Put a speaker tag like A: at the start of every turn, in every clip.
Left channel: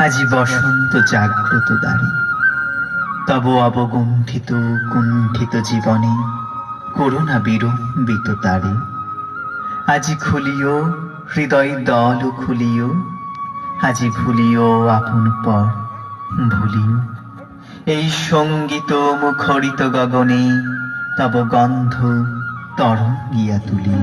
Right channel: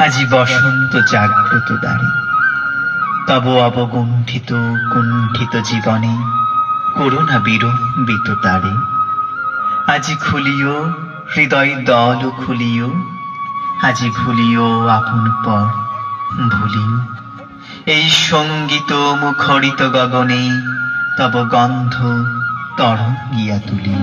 A: আজি বসন্ত জাগ্রত দ্বারে, তব অবগুণ্ঠিত কুণ্ঠিত জীবনে করুণা বিড়ম্বিত তারে। আজি খুলিও, হৃদয় দল খুলিও, আজি ভুলিও আপন পর ভুলিও এই সংগীত মুখরিত গগনে তব গন্ধ তরঙ্গিয়া তুলিও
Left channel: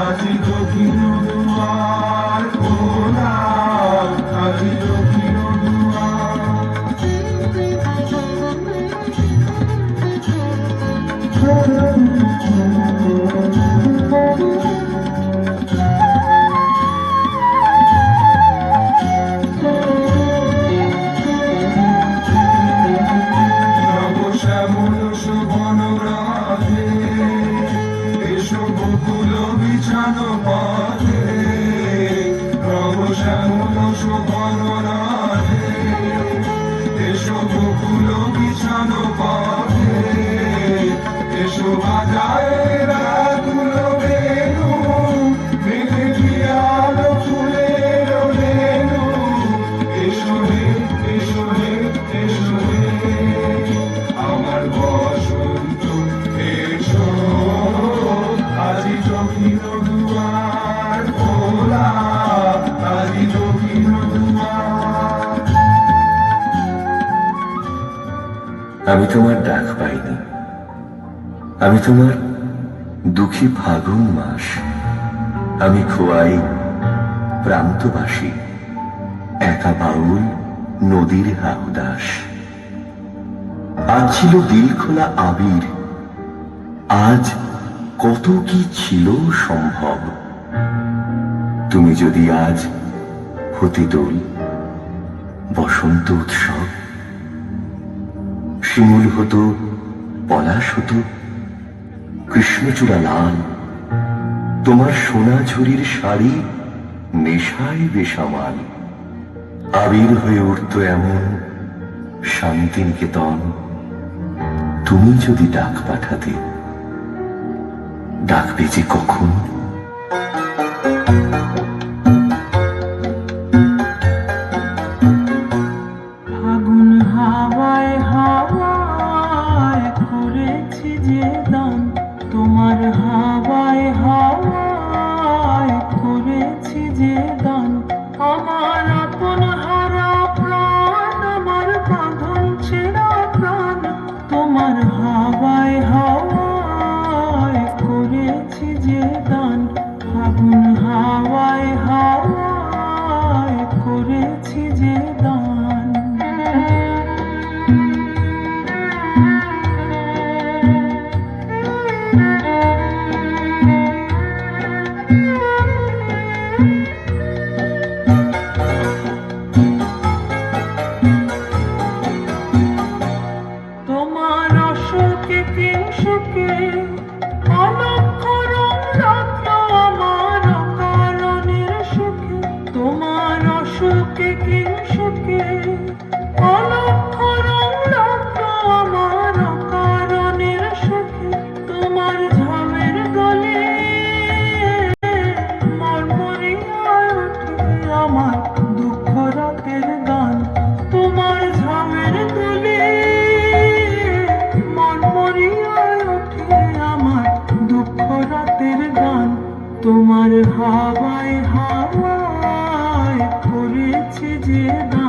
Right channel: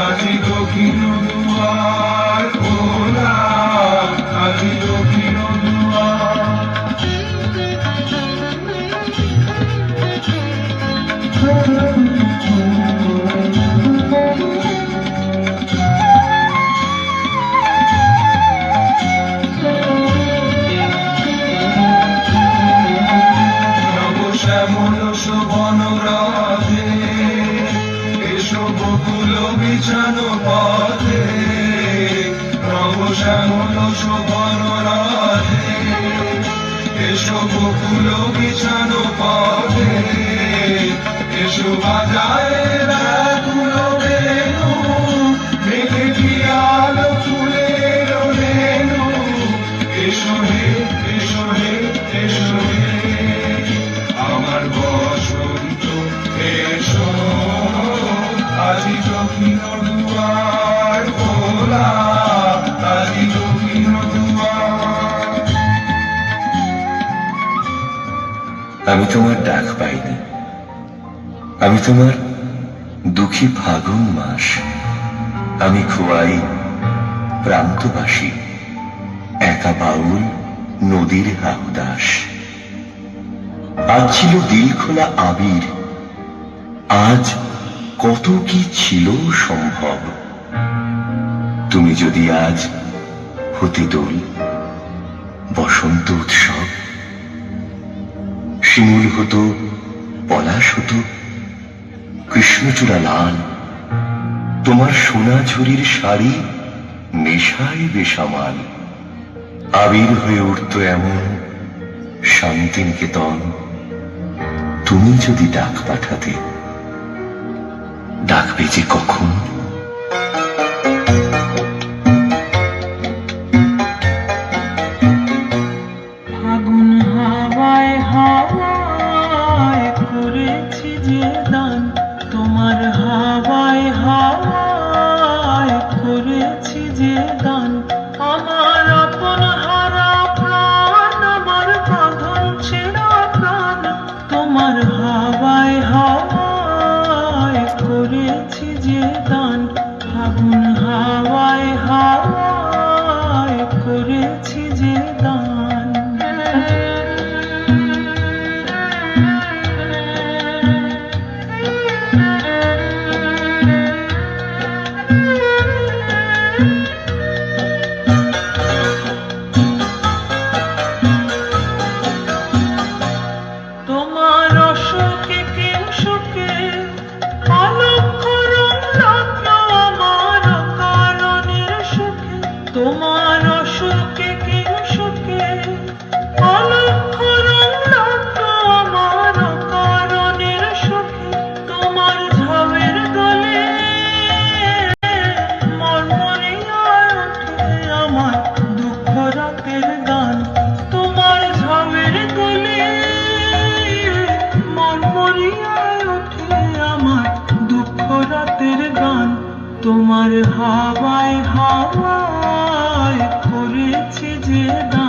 B: আজি দক্ষিণ দুয়ার খোলা আজি দক্ষিণ
C: আমি তোমার ডাক পাইনি। আমি তোমার দুঃখী ফাগুন মাস, আমি খোয়াই প্রান্তবাসী, একা বাউল নদীর হাউদাস আজ ছিল দিল খোলা আবির, আজ কত কি ছিল সম্ভব? তুমি যদি আজ হতে দোল, বসন্ত উৎসব, শিমুল হতো, পলাশ হতো কৃষ্ণচূড়া লাল। তোমার সোনা ঝুরির শাড়ি নেশায় বেসামাল। আবির হয়ে উঠত এমন শান্তিনিকেতন। তুমি যদি ডাক পাঠাতে, ডাকবে যে কখন?
D: যে দান ফাগুন হাওয়ায় তোমার হাওয়ায় হাওয়ায় করেছি যে দান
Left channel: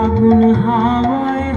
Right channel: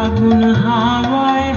D: ফাগুন হাওয়ায়